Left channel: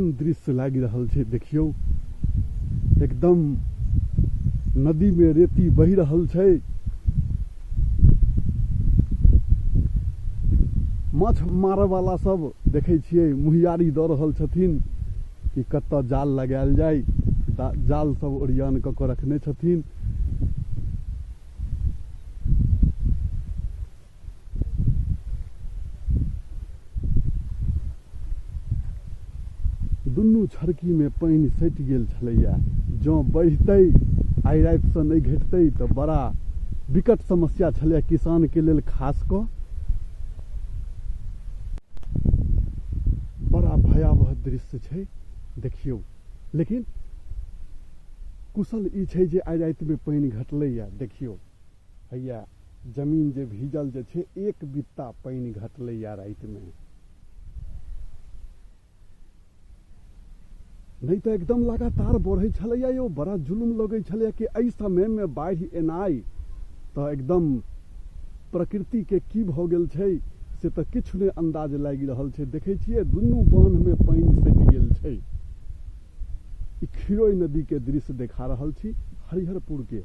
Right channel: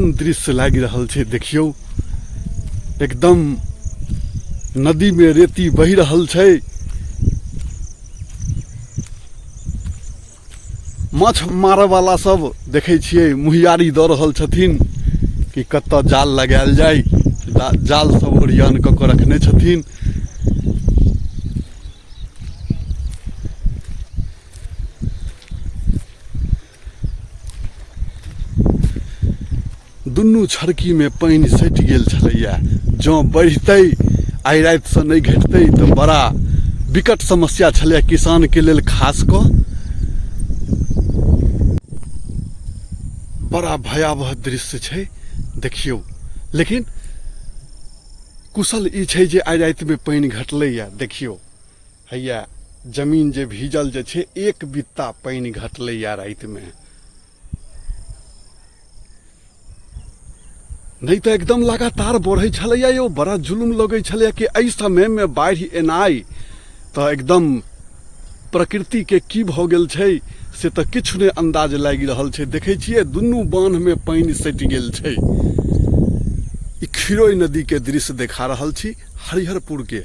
केहन दृश्य लाग रहल छै देखियो। एकदम नदी में रेती बहि रहल छै। माछ मारे वाला सब देखे छियै मुहियारी दऽ रहल छथिन कि कतऽ जाल लगायल जाय। जाल सब ओरियान कऽ के रखने छथिन। दुनू छड़की में पानी सटि गेल छलैया। जँ बढ़तै आइ राति से नहीं घटतै तो बड़ा विकट समस्या छलै किसान के लेल। खास कऽ बड़ा भयावह दृश्य छै देखियो। लेकिन कुशल ई छै जे आइ राति में पानी घटलैया। देखियो हैया जमीन जे भीजल जे छै, एक बित्ता पानी घटलैया राति में। नहीं तो एकदम लगातार बढ़ै छलैया यौ। बड़ा जुलुम लगै छलैया कि एहि समय में बाढ़ि एनाइ तो एकदम प्रकृति के की भऽ गेल छै से तो किछु नहीं अंदाज लागि रहल छै। देखै छियै दुनू बांध में पानी सटि गेल छै। ई खिरोई नदी के दृश्य देखा रहल छी हरिहरपुर के।